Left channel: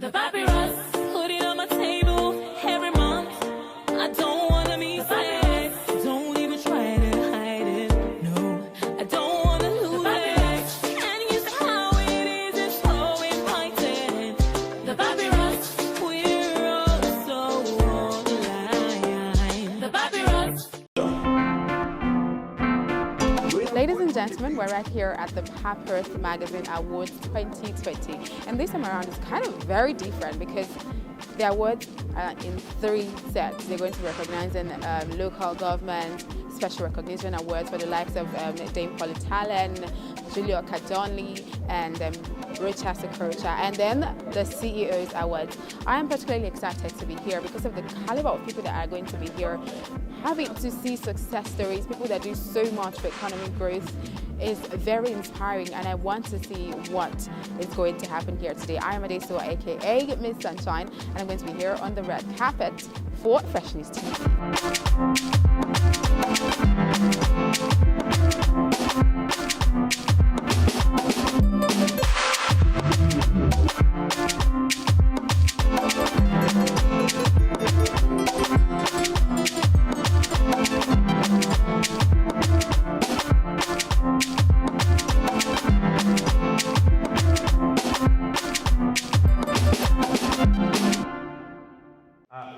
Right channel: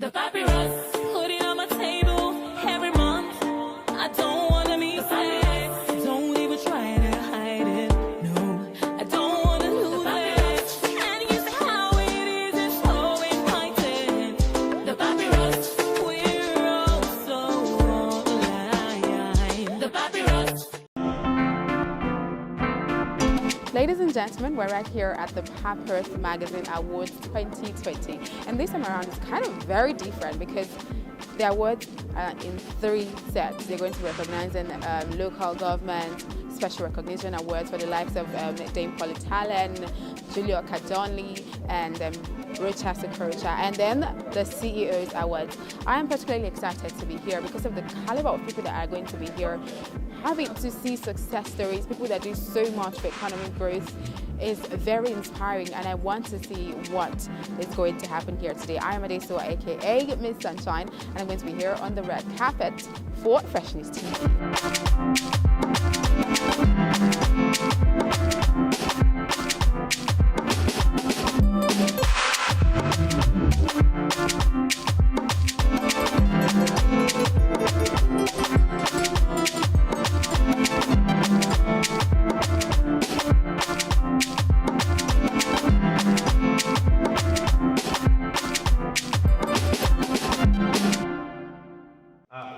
The Papyrus, put it on my table every month. I don't wanna be sad. Don't even try to hide it. No, I don't wanna lose it. And you see how it is, it's so inviting. The Papyrus, we're all so online. The Papyrus.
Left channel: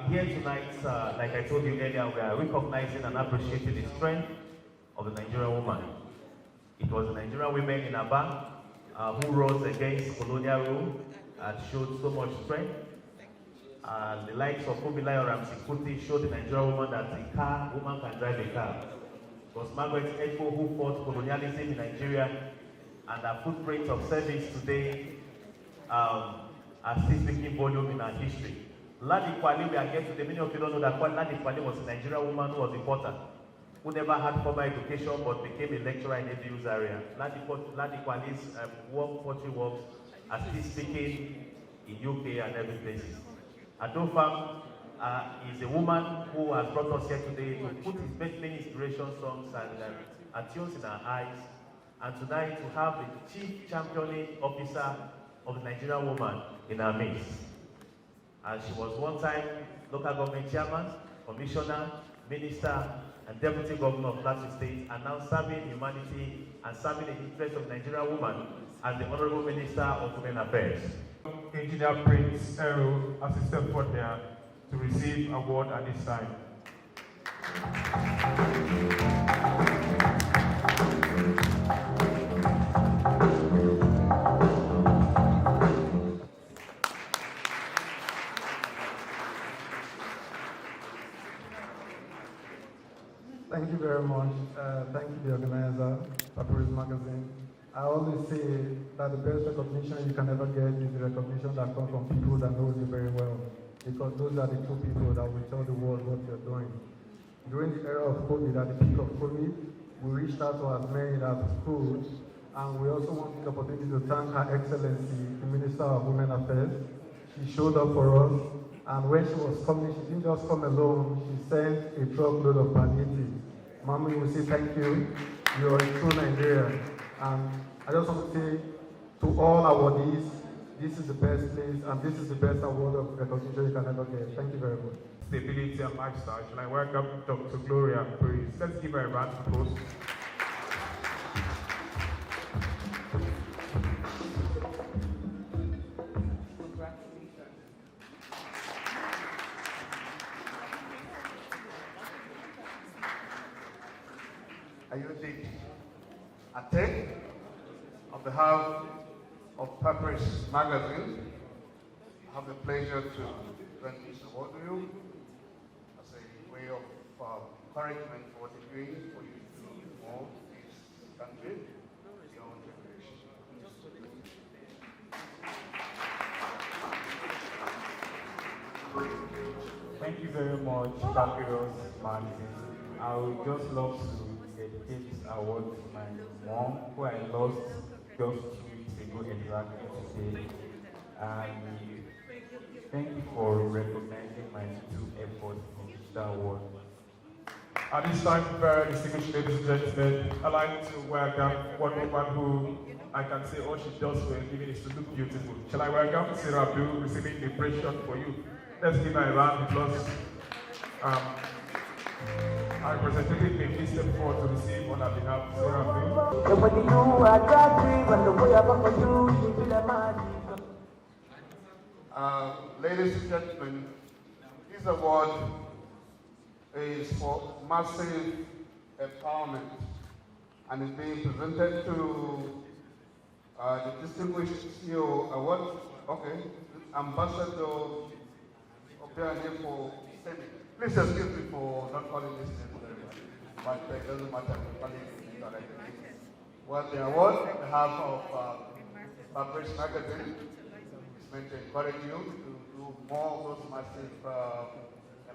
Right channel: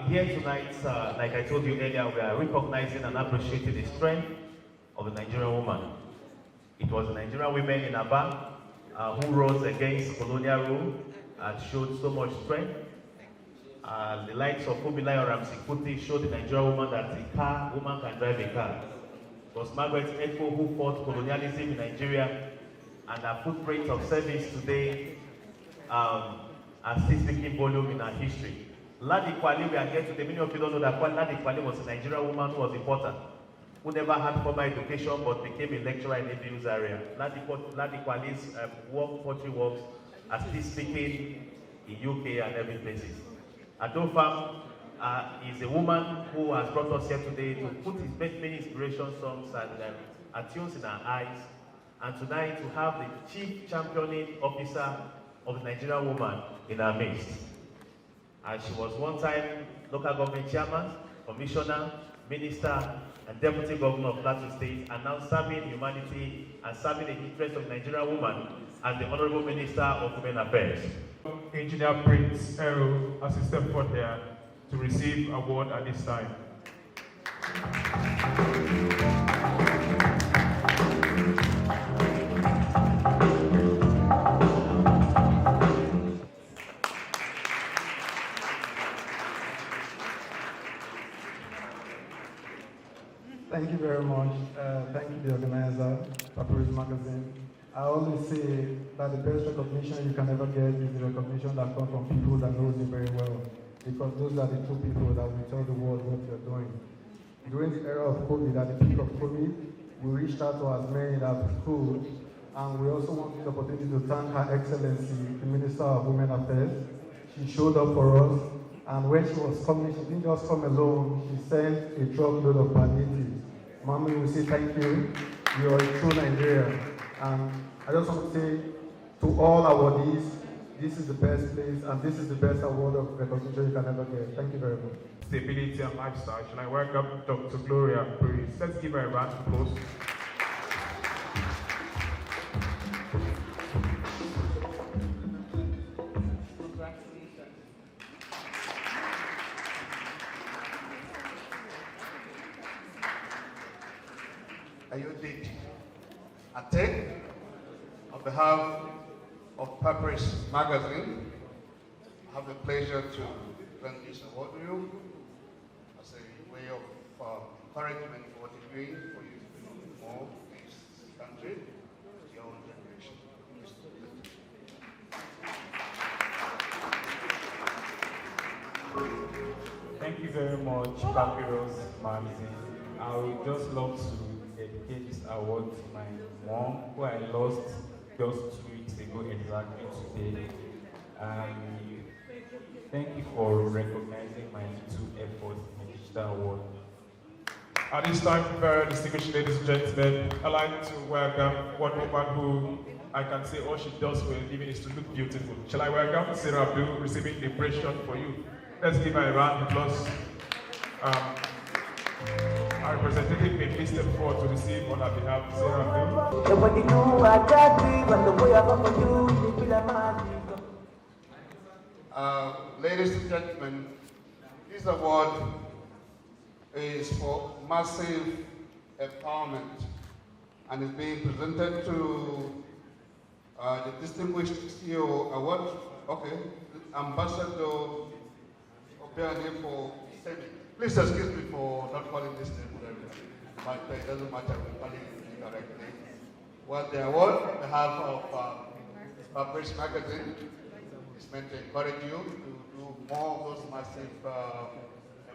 Here tonight, like I told you earlier, we are recognizing and appreciating the strength of the Nigerian woman. It was the Nigerian women in Aba who rose against colonial rule and showed so much strength. The likes of Kubilai or Ramsey Kuti showed the Nigerian woman that a woman can drive a car. It was Margaret Echo who fought colonialism in Nigeria, and her footprint of service today are still speaking volume in our history. Ladi Kwali, we are here today. Many of you don't know that Ladi Kwali was a Nigerian woman who was a potter, who never had formal education but became a lecturer in the Abuse area. Ladi Kwali's pottery works are still speaking in UK and every places. Adofam is a woman who has brought us here today to put his many inspiration songs and tunes in our eyes, and tonight to have the chief championing officer of the Nigerian woman in our midst. And she was one time local government chairman, commissioner, minister, and deputy governor of Plateau State, and now serving humanity and serving the interests of the Nigerian woman as the Honorable Minister of Women Affairs. Engineer Prince Ero, assistant for there to receive award at this time. Thank you very much. Thank you, the organizer, Papyrus Magazine. I always say that the best recognition you can ever get is the recognition that comes from people that know you very well, because those are the two people that will tell the world what you're doing. During the era of COVID, at the peak of COVID, we reached out to as many as we could, and we also want the opportunity to thank Her Excellency, the Minister of Women Affairs. She showed up for us, and when she was coming, she didn't just come alone, she sent a truckload of palliatives. Mommy, we say thank you. You are a true Nigerian. And I just want to say to all awardees, this is the best place and this is the best award of recognition you can ever get. Thank you very much. Stability and lifestyle. Should I welcome Dr. Gloria Praise? Let's give her a round of applause. Ayodhya Atek, on behalf of Papyrus Magazine, I have the pleasure to grant this award to you as a way of encouragement for what you're doing, for you to do more in this country, your own generation. Thank you very much, Papyrus Magazine. I would just love to dedicate this award to my mom, who I lost just 2 weeks ago exactly today. Thank you for recognizing my little efforts in the digital world. At this time, very distinguished ladies and gentlemen, I'd like to welcome one woman who I can say all she does for a living is to look beautiful. Shall I welcome Sarah Blue, receiving the impression for you? Let's give her a round of applause. Our representative may please step forward to receive on our behalf Sarah Blue. Ladies and gentlemen, this award is for massive empowerment and is being presented to the distinguished CEO award. Okay, Ambassador Obiane for Senate. Please excuse me for not calling this name, but it doesn't matter, we're calling it directly. Well, the award on behalf of Papyrus magazine is meant to encourage you to do more of those massive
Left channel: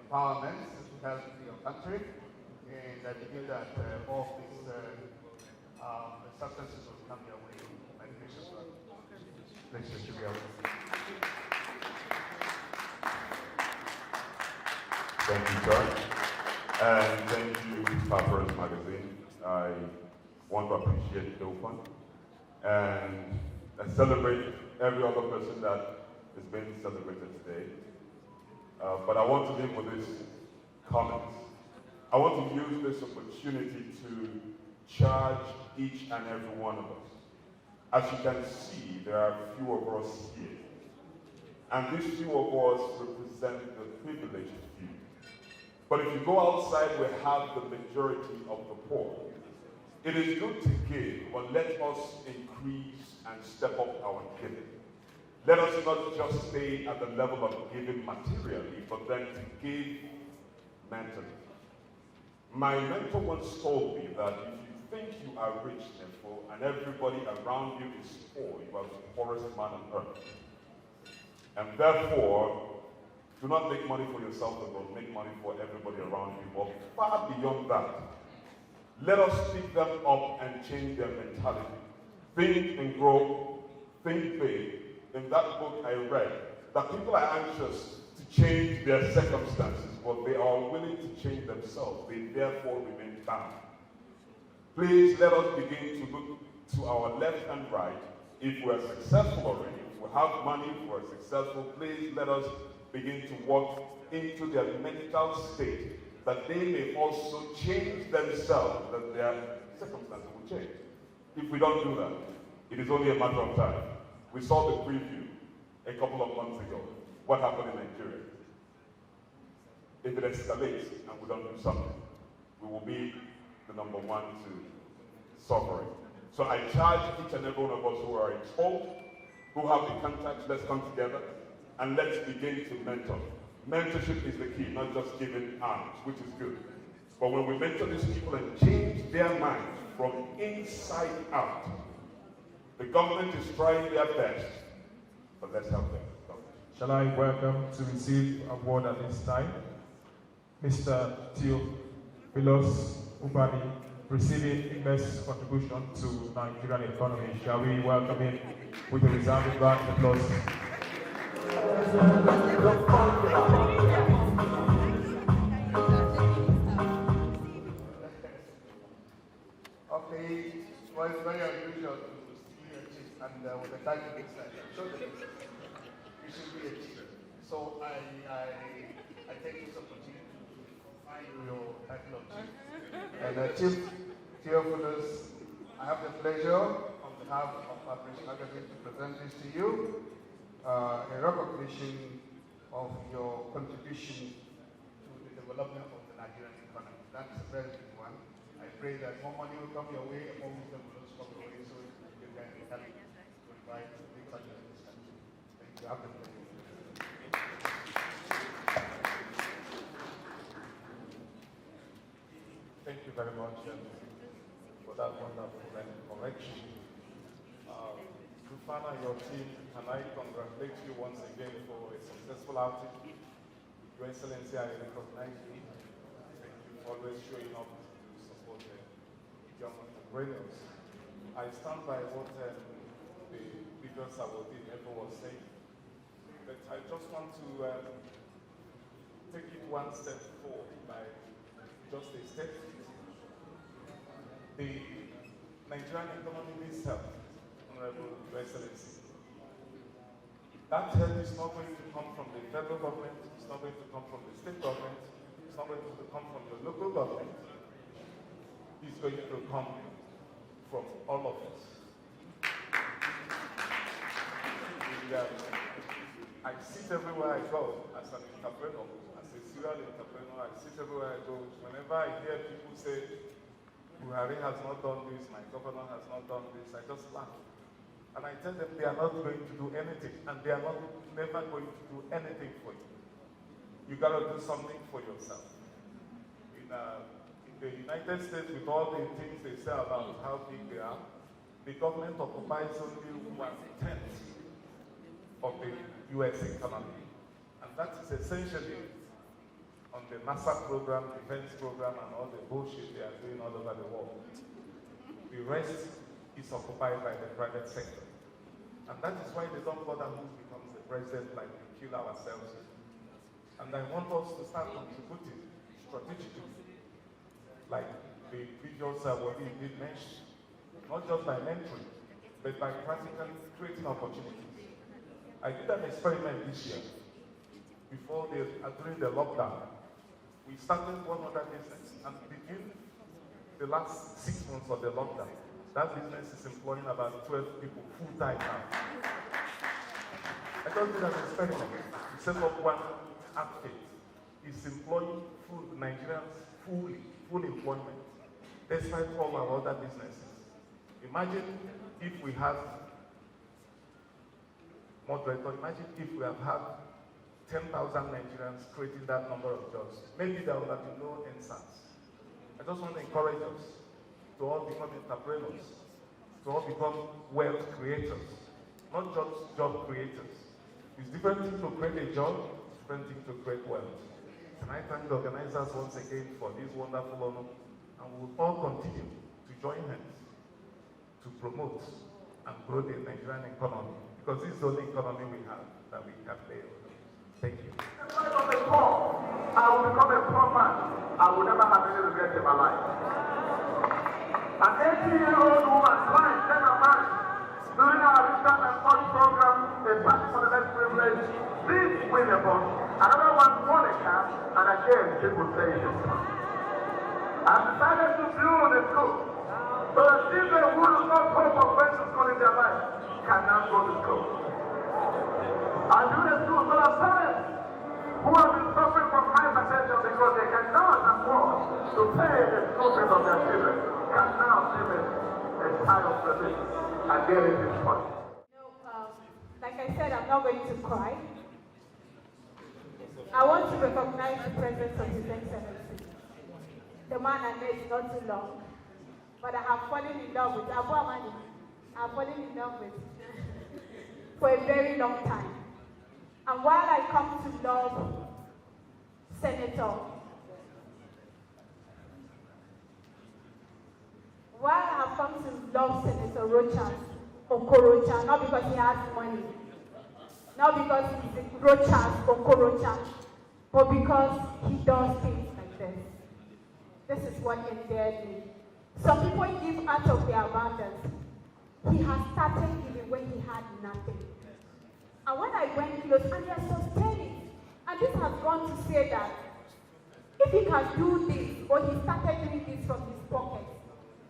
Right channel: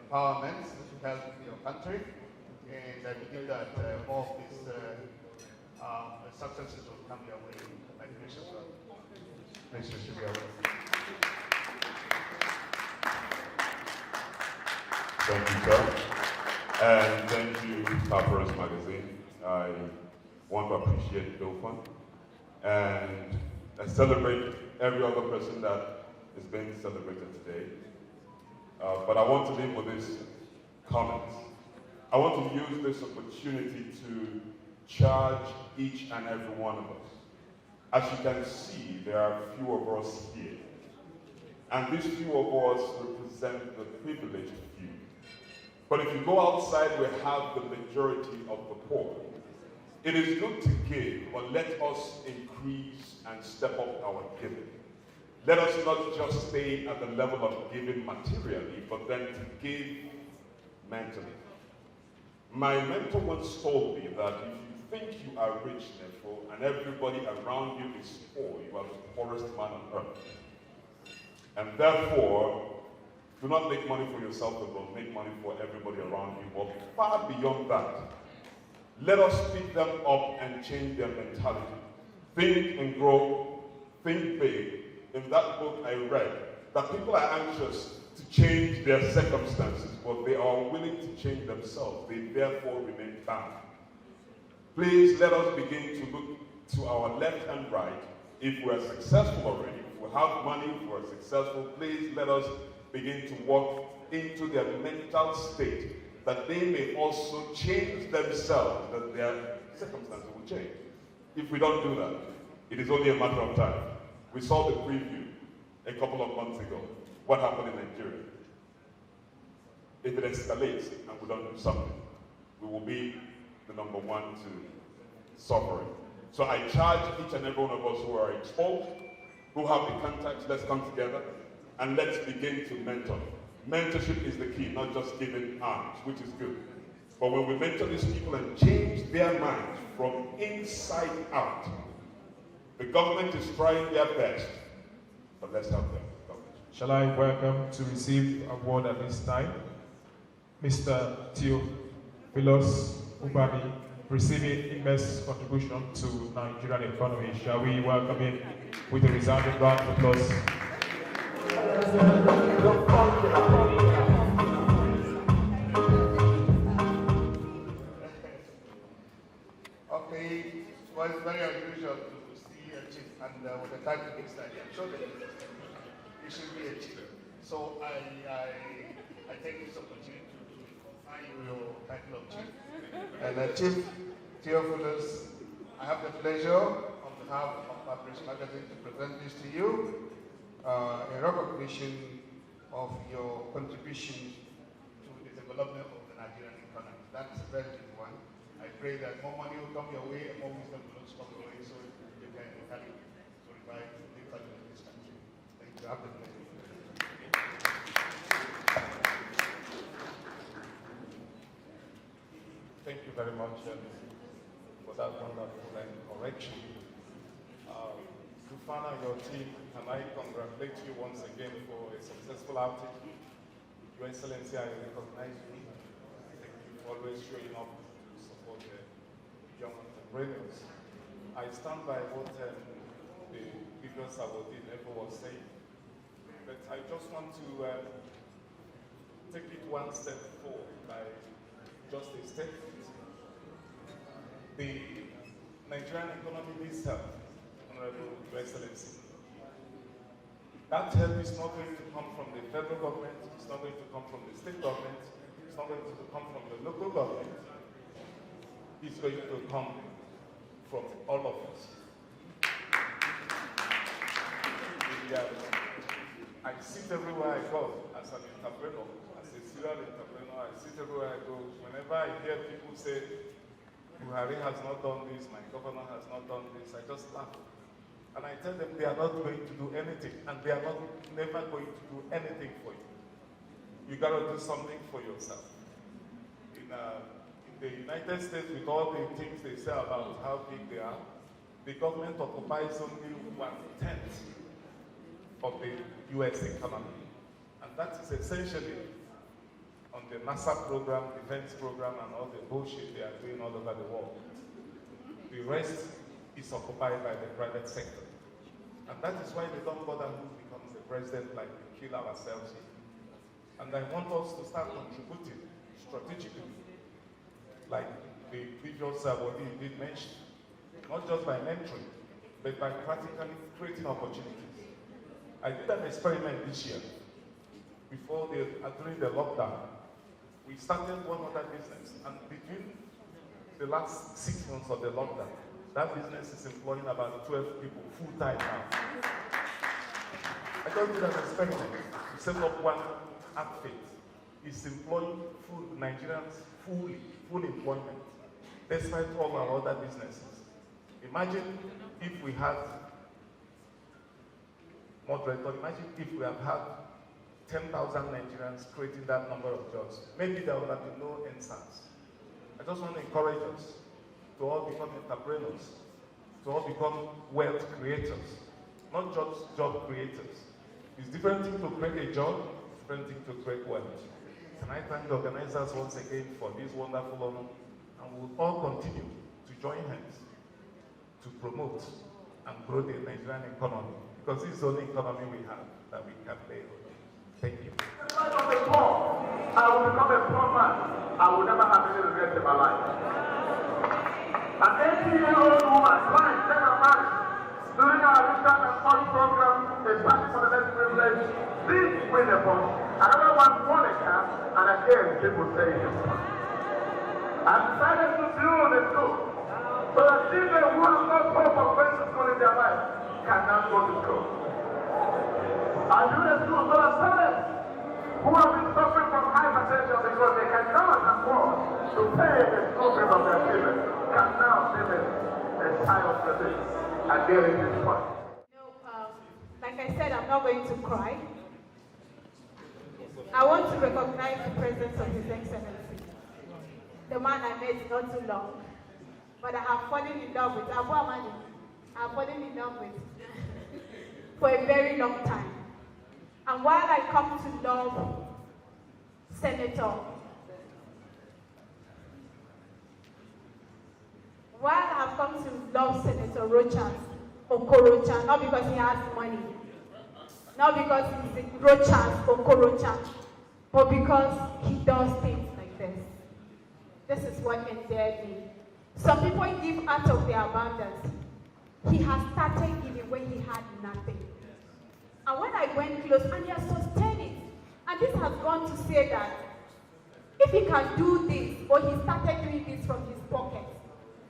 empowerments to help your country, and I believe that more of these successes will come your way. Please just to be aware. Thank you, sir. And thank you, Papyrus magazine. I want to appreciate Bilfan and I celebrate every other person that is being celebrated today. But I want to leave with this comment. I want to use this opportunity to charge each and every one of us. As you can see, there are few of us here. And these few of us represent the privileged few. But if you go outside, we have the majority of the poor. It is good to give, but let us increase and step up our giving. Let us not just stay at the level of giving materially, but then to give mentally. My mentor once told me that if you think you are rich, therefore, and everybody around you is poor, you are the poorest man on earth. And therefore, do not make money for yourself alone, make money for everybody around you. But far beyond that, let us pick them up and change their mentality. Think and grow, think big. In that book I read that people are anxious to change their circumstances, but they are willing to change themselves. They therefore remain bound. Please let us begin to look to our left and right. If we are successful already, if we have money, if we are successful, please let us begin to walk into their mental state, that they may also change themselves, that their circumstances will change. If we don't do that, it is only a matter of time. We saw the preview a couple of months ago. What happened in Nigeria? If it escalates and we don't do something, we will be the number one to suffering. So I charge each and every one of us who are exposed, who have the contacts, let's come together and let's begin to mentor. Mentorship is the key, not just giving arms, which is good. But when we mentor these people and change their minds from inside out, the government is trying their best, but let's help them. Shall I welcome to receive award at this time, Mr. Theophilus Ubami, receiving immense contribution to Nigerian economy. Shall we welcome him with a resounding round of applause? Okay, well, it's very unusual to see a chief and with a title this side. I'm sure that it should be a chief. So I take this opportunity to confer you your title of chief. And Chief Theophilus, I have the pleasure on behalf of Papyrus magazine to present this to you, a recognition of your contribution to the development of the Nigerian economy. That's a very big one. I pray that more money will come your way and more wisdom will also come your way so you can help to revive the economy of this country. Thank you. Have the pleasure. Thank you very much for that wonderful correction. Rufana, your team, can I congratulate you once again for a successful outing? Your Excellency, I recognize you. Thank you for always showing up to support the young entrepreneurs. I stand by what the previous awardee never was saying, but I just want to take it one step forward by just a statement. The Nigerian economy needs help, Honorable Your Excellency. That help is not going to come from the federal government, it's not going to come from the state government, it's not going to come from the local government, it's going to come from all of us. I sit everywhere I go as an entrepreneur, as a serial entrepreneur. I sit everywhere I go. Whenever I hear people say, Buhari has not done this, my governor has not done this, I just laugh. And I tell them they are not going to do anything, and they are never going to do anything for you. You got to do something for yourself. In the United States, with all the things they say about how big they are, the government occupies only 1/10 of the US economy. And that is essentially on the NASA program, defense program, and all the bullshit they are doing all over the world. The rest is occupied by the private sector. And that is why they don't bother who becomes the president, like we kill ourselves here. And I want us to start contributing strategically, like the previous body did mention, not just by mentoring, but by practically creating opportunities. I did an experiment this year. During the lockdown, we started one other business, and between the last 6 months of the lockdown, that business is employing about 12 people full-time now. I just did an experiment. We set up one outfit. It's employing Nigerians full employment, despite all our other businesses. Imagine if we had, moderator, imagine if we have had 10,000 Nigerians creating that number of jobs. Maybe there would have been no NSAS. I just want to encourage us to all become entrepreneurs, to all become wealth creators, not just job creators. It's different thing to create a job, different thing to create wealth. And I thank the organizers once again for this wonderful honor, and we will all continue to join hands to promote and grow the Nigerian economy, because this is the only economy we have that we can play with. Thank you. I will become a poor man. I will never have any regrets in my life. An 18-year-old woman trying to get a man during our research and fund program is fighting for the less privileged. This Winnipeg, another one won a car, and again people say it is fun. I've decided to build a school so that children who do not hope of going to school in their life cannot go to school. I do the school so that parents who have been suffering from hypertension because they cannot afford to pay the school fees of their children can now finish a child service and get it this fun. Like I said, I'm not going to cry. I want to recognize the presence of His Excellency, the man I met not too long, but I have fallen in love with, Abu Amani, I have fallen in love with for a very long time. And while I come to love Senator, while I have come to love Senator Rochas, Okorocha, not because he has money, not because he's Rochas, Okorocha, but because he does things like this. This is what endeared me. Some people give out of their abundance. He has started giving when he had nothing. And when I went close, and he has sustained it. And this has gone to say that if he can do this, or he started doing this from his pocket,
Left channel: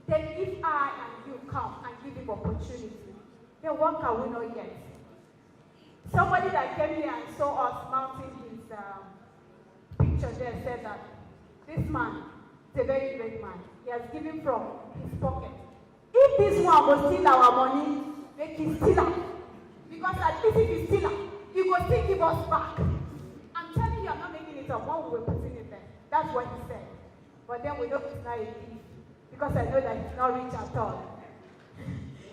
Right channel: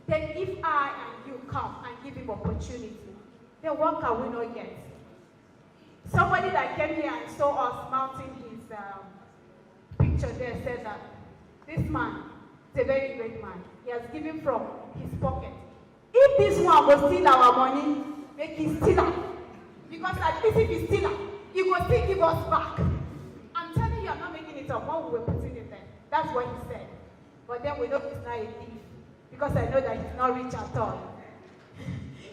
then if I and you come and give him opportunity, then what can we not get? Somebody that came here and saw us mounting his picture there said that this man is a very great man. He has given from his pocket. If this one will steal our money, make him steal it. Because at least if he steal it, he will still give us back. I'm telling you, I'm not making it up. What we were putting it there. That's what he said. But then we know he's not a thief. Because I know that he's not rich at all.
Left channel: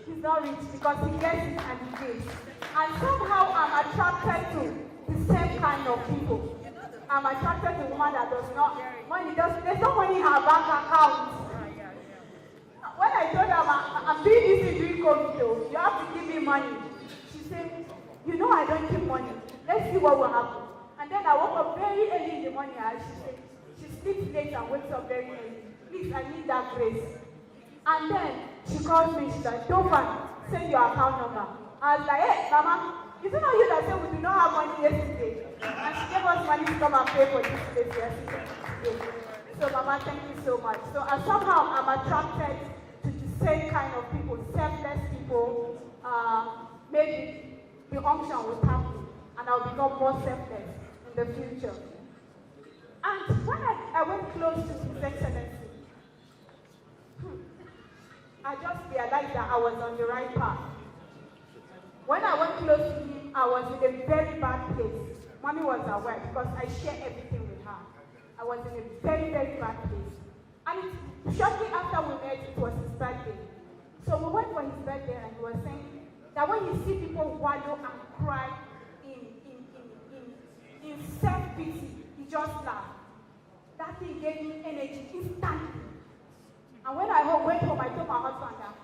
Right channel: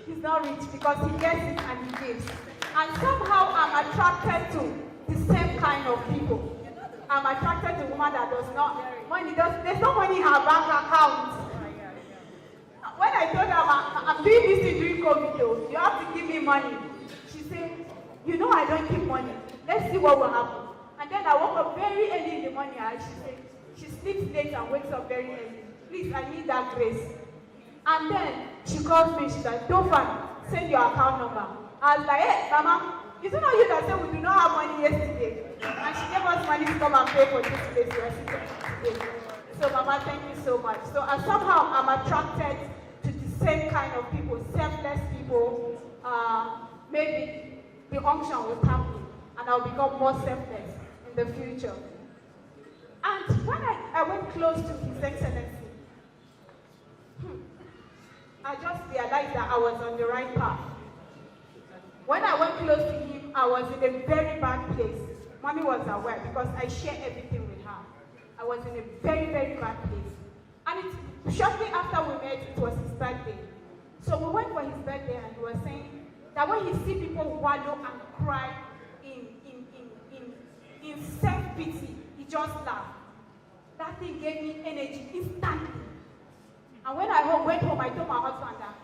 He's not rich because he gets it and he gives. And somehow I'm attracted to the same kind of people. I'm attracted to a woman that does not, there's no money in her bank account. When I told her I'm doing this thing during COVID though, you have to give me money. She said, you know I don't keep money. Let's see what will happen. And then I woke up very early in the morning and She sleeps late and wakes up very early. Please, I need that grace. And then she calls me, she's like, Dofan, send your account number. I was like, hey, Mama, is it not you that said we do not have money yesterday? And she gave us money to come and pay for this place yesterday. So Mama, thank you so much. So somehow I'm attracted to the same kind of people, selfless people. Maybe the unction will tap me and I'll become more selfless in the future. And when I went close to His Excellency, I just realized that I was on the right path. When I went close to him, I was in a very bad place. Mommy was aware because I shared everything with her. I was in a very, very bad place. And shortly after we met, it was his birthday. So we went for his birthday and he was saying that when he sees people wallow and cry in self-pity, he just laughed. That thing gave me energy instantly. And when I went home, I told my husband that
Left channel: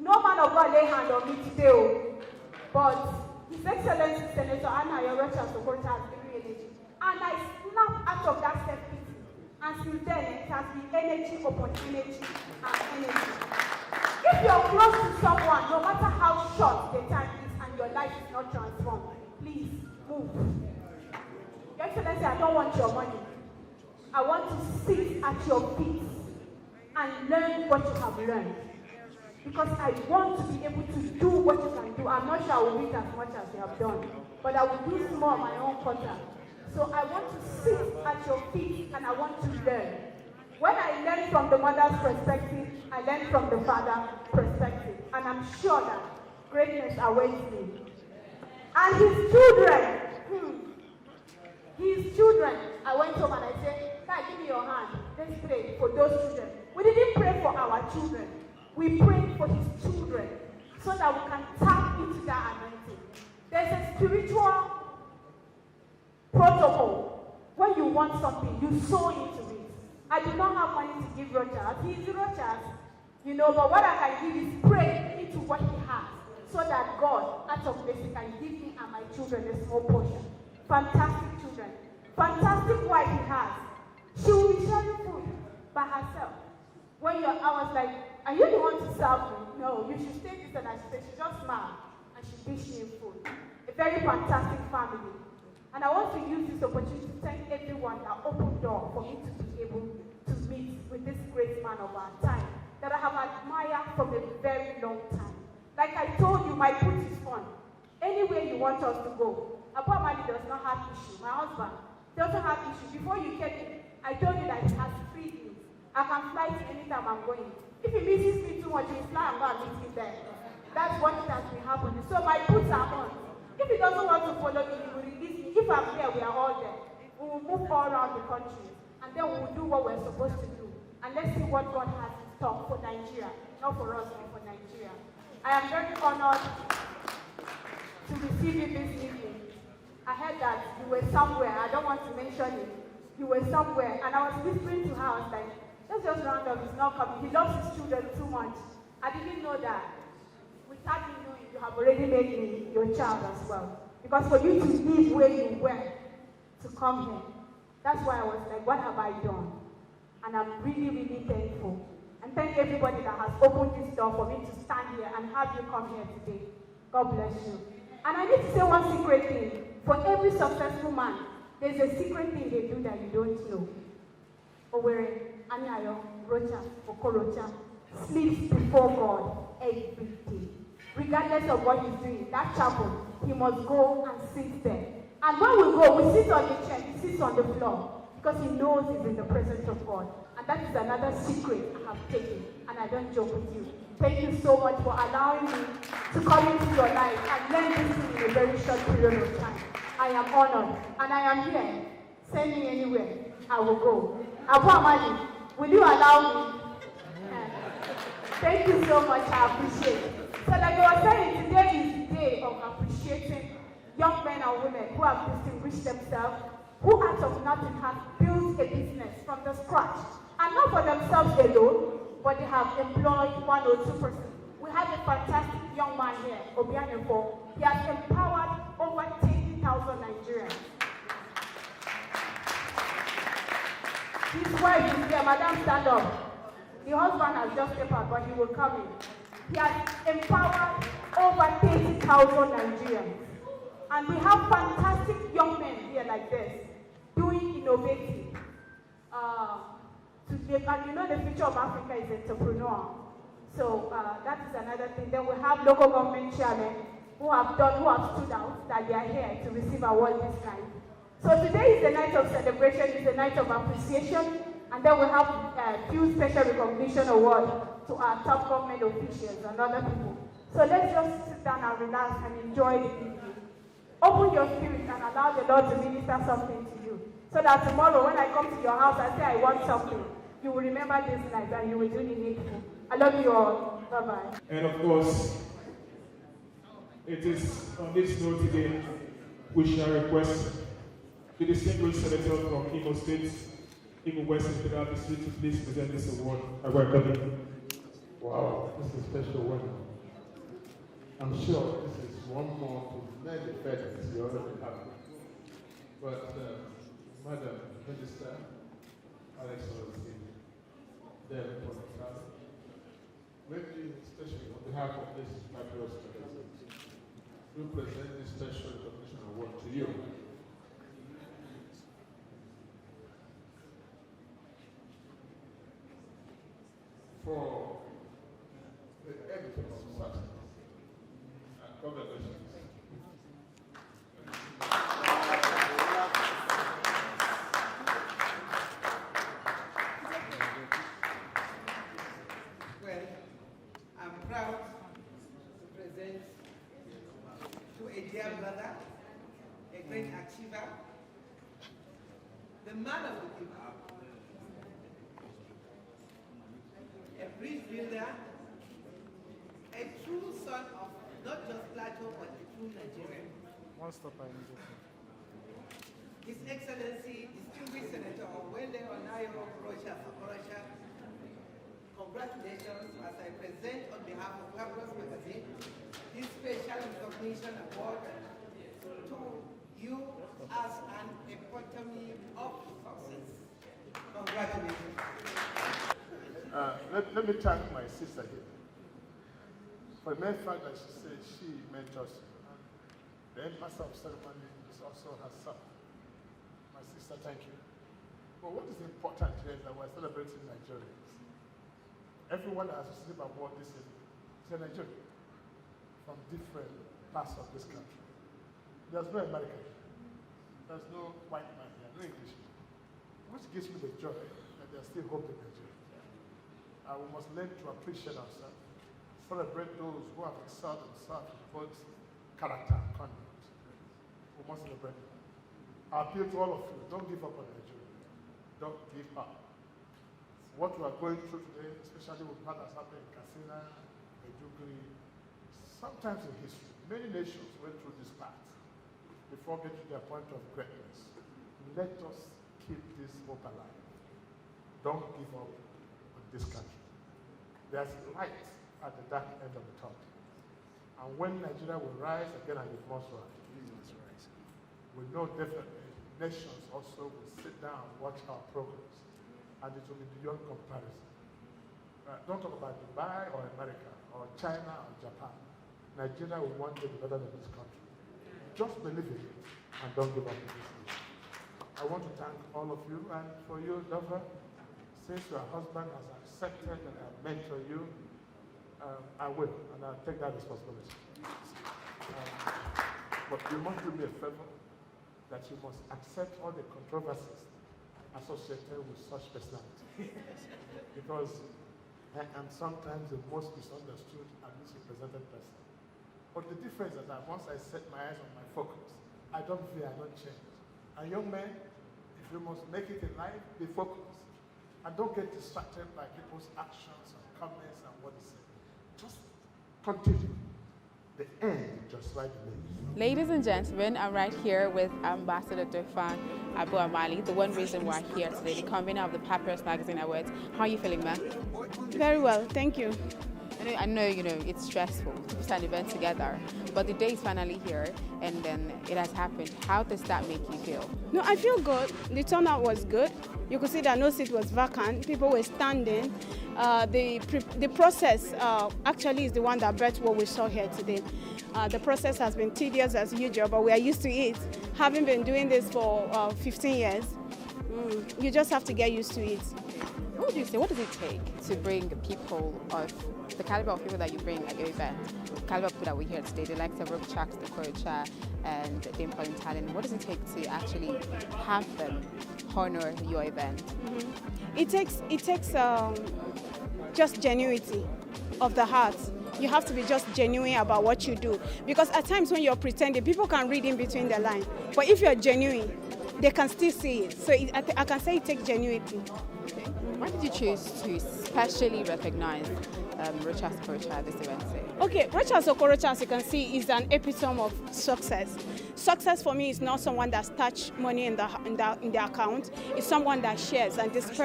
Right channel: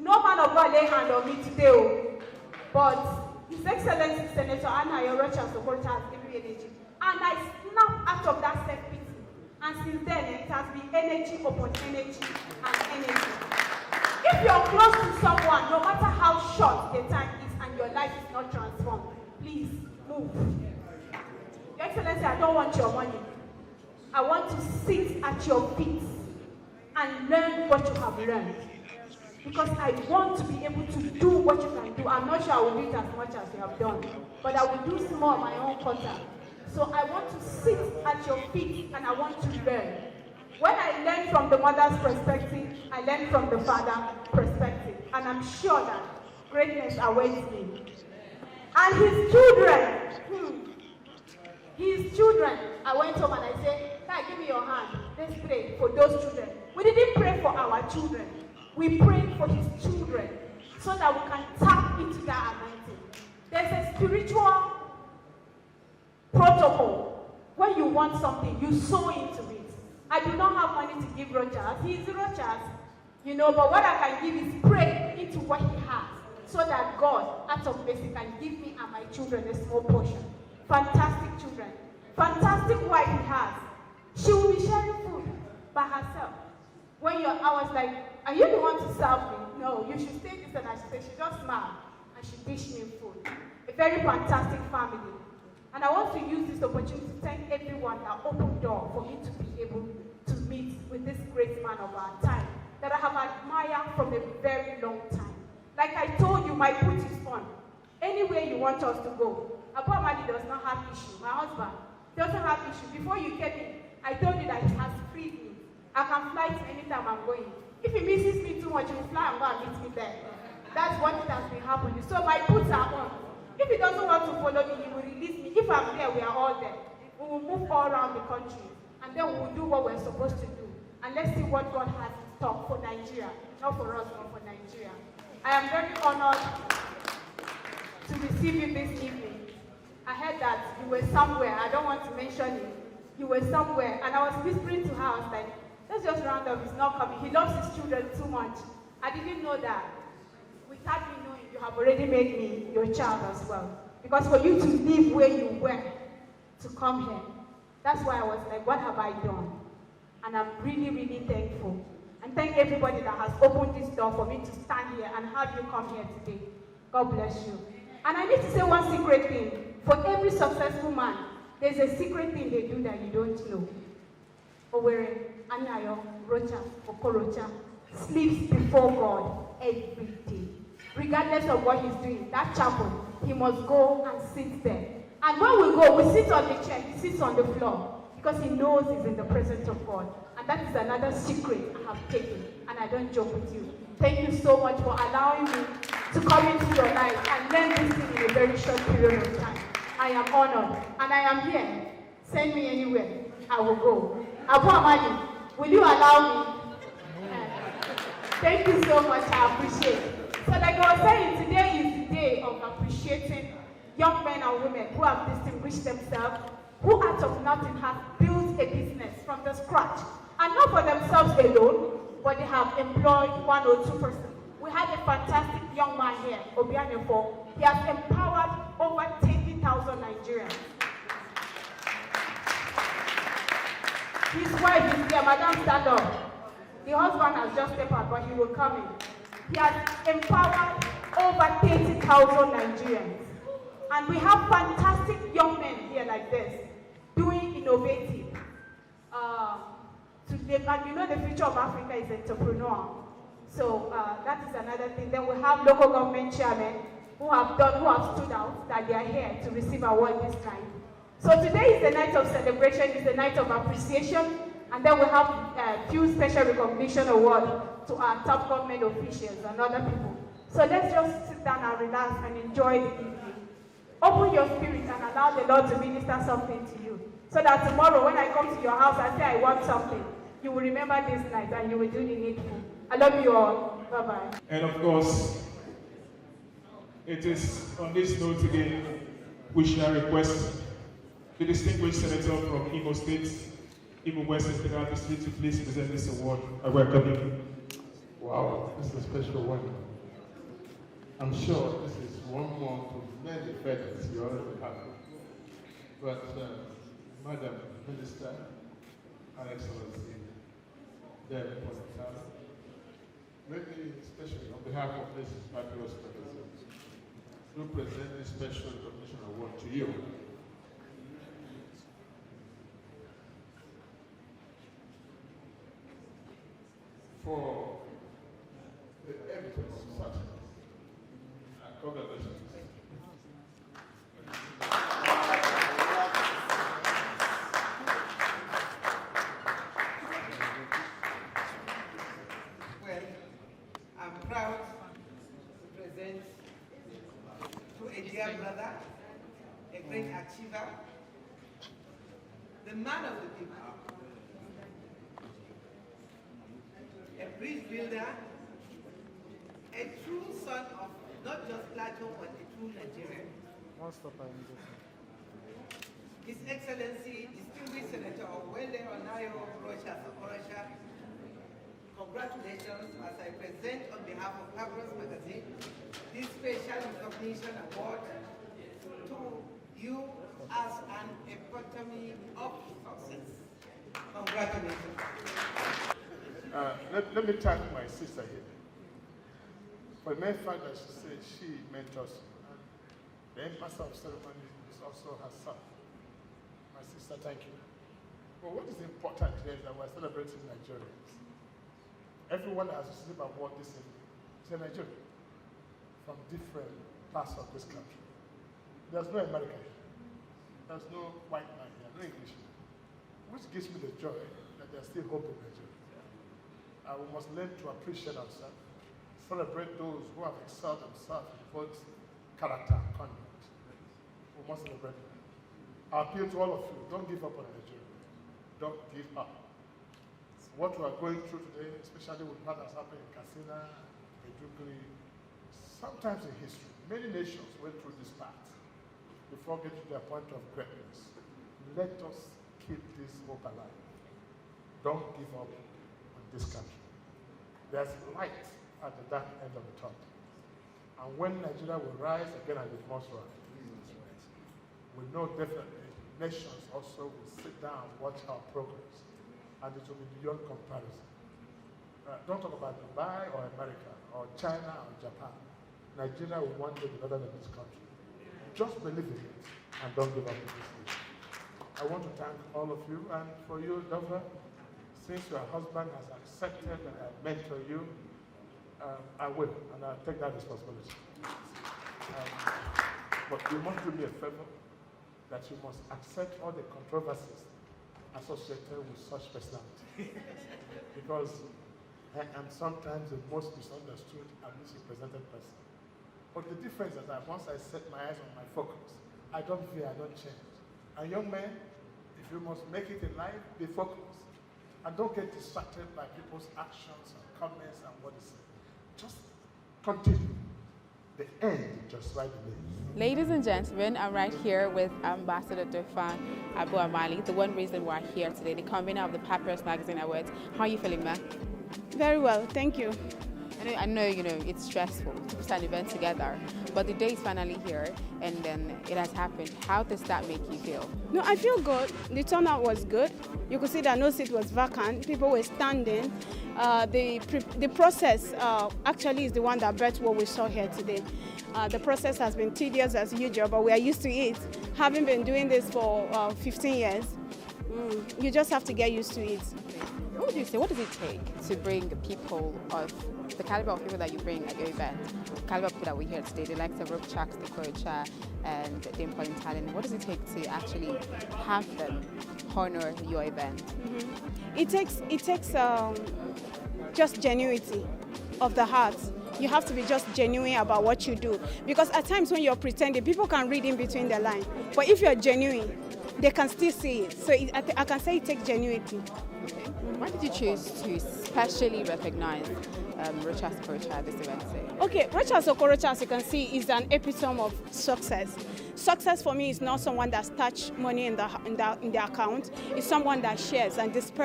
no man of God lay hand on me today, but His Excellency Senator Anna Yorocha Sokocha has given me energy. And I snapped out of that self-pity. And since then, it has been energy upon energy and energy. If you're close to someone, no matter how short the time is and your life is not transformed, please move. Your Excellency, I don't want your money. I want to sit at your feet and learn what you have learned. Because I want to be able to do what you can do. I'm not sure I will do it as much as you have done, but I will do small my own quarter. So I want to sit at your feet and I want to learn. When I learn from the mother's perspective, I learn from the father's perspective. And I'm sure that greatness awaits me. And his children, I went home and I said, Dad, give me your hand. Let's pray for those children. We didn't pray for our children. We prayed for his children so that we can tap into that anointing. There's a spiritual protocol. When you want something, you sow into it. I do not have money to give Rochas. He is Rochas, but what I can give is pray into what he has so that God, out of mercy, can give me and my children a small portion. Fantastic children. Fantastic wife he has. She will be sharing food by herself. I was like, are you the one to serve me? No, you should stay this. And she just smiled and she dished me food. A very fantastic family. And I want to use this opportunity to thank everyone that opened door for me to be able to meet with this great man of our time that I have admired from a very long time. Like I told you, my put is on. Anywhere you want us to go. Abu Amadi does not have issue. My husband doesn't have issue. Before you came in, I told you that he has freed me. I can fly to anytime I'm going. If he misses me too much, he will fly and go and meet me there. That's what has been happening. So my puts are on. If he doesn't want to follow me, he will release me. If I'm there, we are all there. We will move all around the country. And then we will do what we're supposed to do. And let's see what God has in store for Nigeria. Not for us, but for Nigeria. I am very honored to receive you this evening. I heard that you were somewhere. I don't want to mention it. You were somewhere. And I was whispering to her, I was like, let's just round up. He's not coming. He loves his children too much. I didn't know that. Without me knowing, you have already made me your child as well. Because for you to live where you were, to come here, that's why I was like, what have I done? And I'm really, really thankful. And thank everybody that has opened this door for me to stand here and have you come here today. God bless you. And I need to say one secret thing. For every successful man, there's a secret thing they do that you don't know. Owere, Anayo, Rocha, Okorocha sleeps before God every day. Regardless of what he's doing, that chapel, he must go and sit there. And when we go, we sit on the chair, he sits on the floor because he knows he's in the presence of God. And that is another secret I have taken, and I don't joke with you. Thank you so much for allowing me to come into your life and learn this thing in a very short period of time. I am honored, and I am here. Send me anywhere, I will go. Abu Amadi, will you allow me? Thank you so much, I appreciate it. So like I was saying, today is the day of appreciating young men and women who have distinguished themselves, who out of nothing have built a business from the scratch. And not for themselves alone, but they have employed 1 or 2 persons. We have a fantastic young man here, Obianefo. He has empowered over 20,000 Nigerians. wife is there. Madam, stand up. The husband has just stepped out, but he will come in. He has empowered over 30,000 Nigerians. And we have fantastic young men here like this, doing innovative. And you know the future of Africa is entrepreneur. So that is another thing. Then we have local government chairmen who have stood out, that they are here to receive award this night. So today is the night of celebration, it's the night of appreciation, and then we have a few special recognition awards to our top government officials and other people. So let's just sit down and relax and enjoy the evening. Open your spirit and allow the Lord to minister something to you. So that tomorrow when I come to your house and say I want something, you will remember this night and you will do the needful. I love you all. Bye-bye. And of course, it is on this note again, we shall request the distinguished senator from Imo State, Imo West Integral District, to please present this award. I welcome you. Wow, this is a special one. I'm sure this is one more to many feathers you already have. But, Madam Minister, Her Excellency, maybe especially on behalf of this Papyrus magazine, we present this special recognition award to you. For the evidence of success. Congratulations. Well, I'm proud to present to a dear brother, a great achiever, the man of the people, a bridge builder, a true son of not just Plateau, but a true Nigerian. His Excellency, distinguished Senator Wende Onayo Okorocha, congratulations as I present on behalf of Papyrus magazine this special recognition award to you as an epitome of success. Congratulations. Let me thank my sister here for the mere fact that she said she mentors you. And the master of ceremony is also her son. My sister, thank you. But what is important here is that we're celebrating Nigerians. Everyone that has received an award this evening is a Nigerian from different parts of this country. There's no American here. There's no white man here, no Englishman. Which gives me the joy that there's still hope in Nigeria. We must learn to appreciate ourselves, celebrate those who have excelled themselves in both character and conduct. We must celebrate them. I appeal to all of you, don't give up on Nigeria. Don't give up. What we are going through today, especially with what has happened in Katsina, Maiduguri, sometimes in history, many nations went through this path before getting to their point of greatness. Let us keep this hope alive. Don't give up on this country. There's light at the dark end of the tunnel. And when Nigeria will rise again, and it must rise, we know definitely nations also will sit down and watch our progress, and it will be beyond comparison. Don't talk about Dubai or America or China or Japan. Nigeria will one day be better than this country. Just believe in it and don't give up on this nation. I want to thank all of you, and for you, Dova, since your husband has accepted that I mentor you, I will, and I'll take that responsibility. But you must do me a favor, that you must accept all the controversies associated with such personality. Because I am sometimes the most misunderstood and misrepresented person. But the difference is that once I set my eyes on my focus, I don't fear, I don't change. And young men, if you must make it in life, be focused. And don't get distracted by people's actions and comments and what they say. Just continue. The end just right remains. Fresh News Production. Real boy on the beat.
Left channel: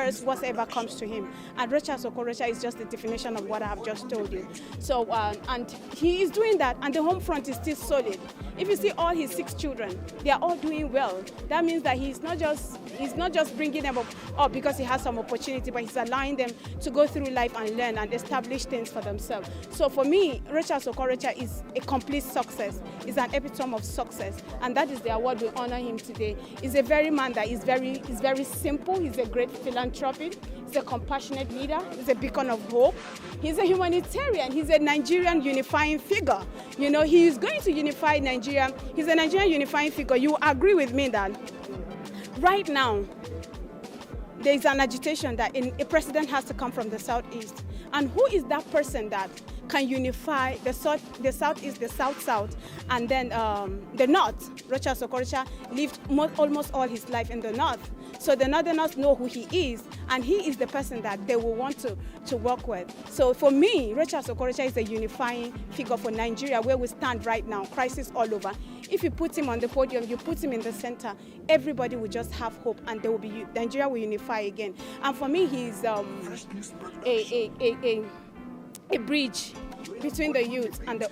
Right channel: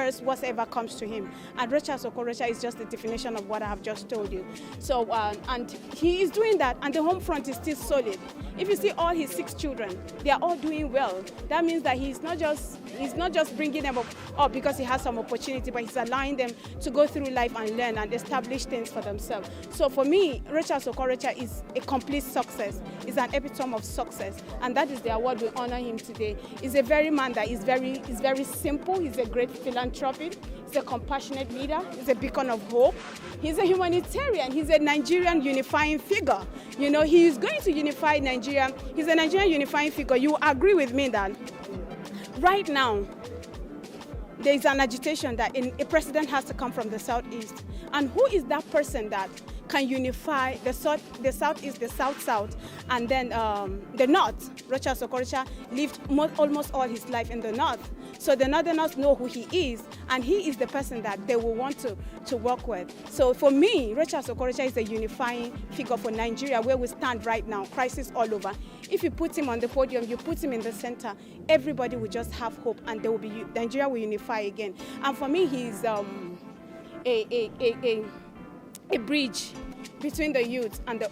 Freshness Production. Real boy on the beat. Freshness Production. Real boy on the beat.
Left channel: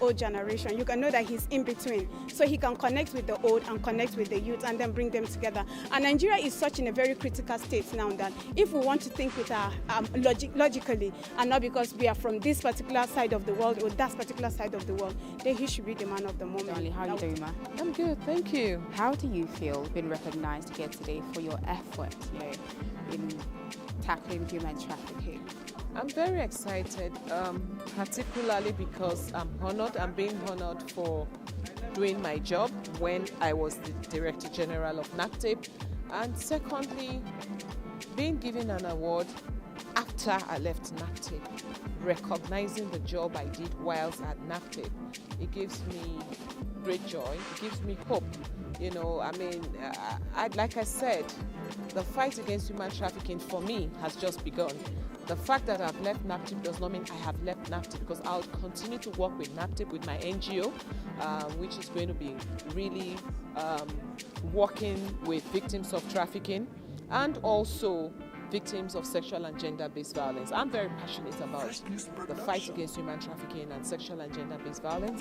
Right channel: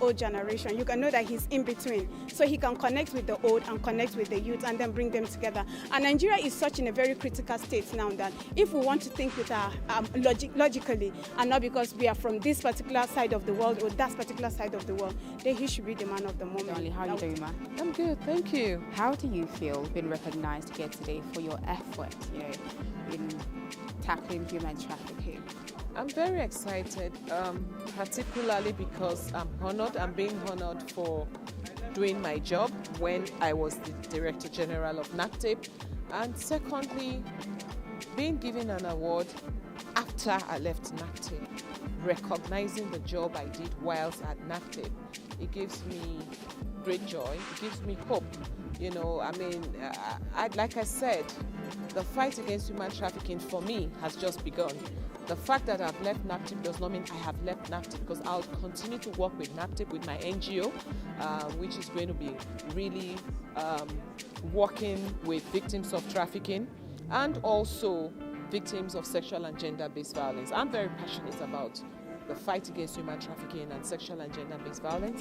Freshness Production.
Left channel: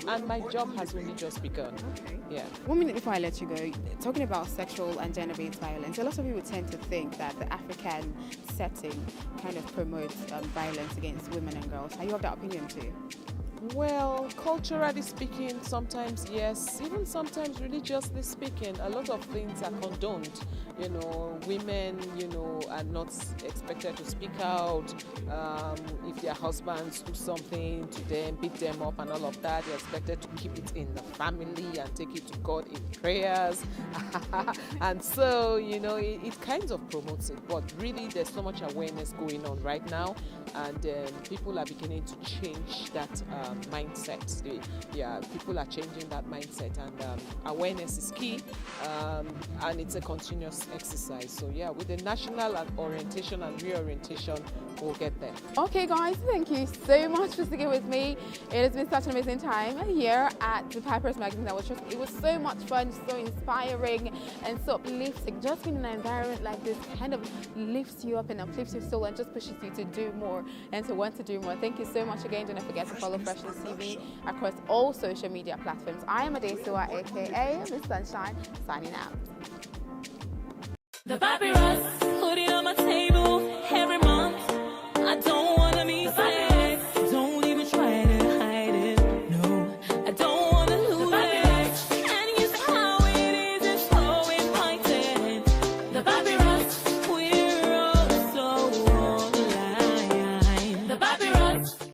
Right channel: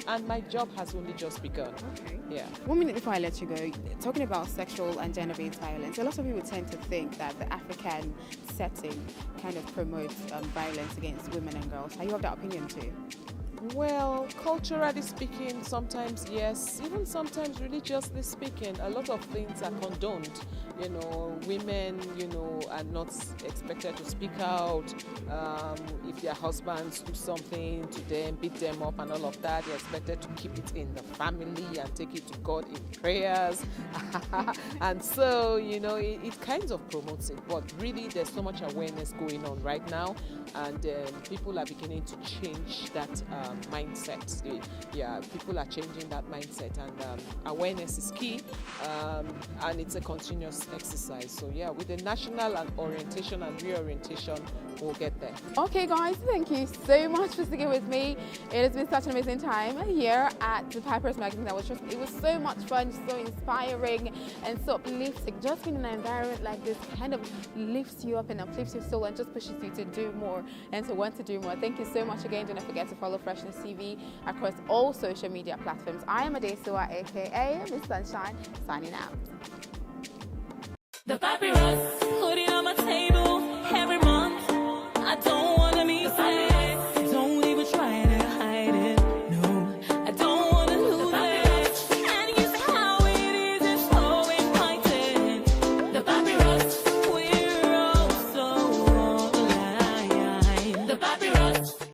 Real boy on the beat. Freshness Production. Real boy on the beat. The Papyrus.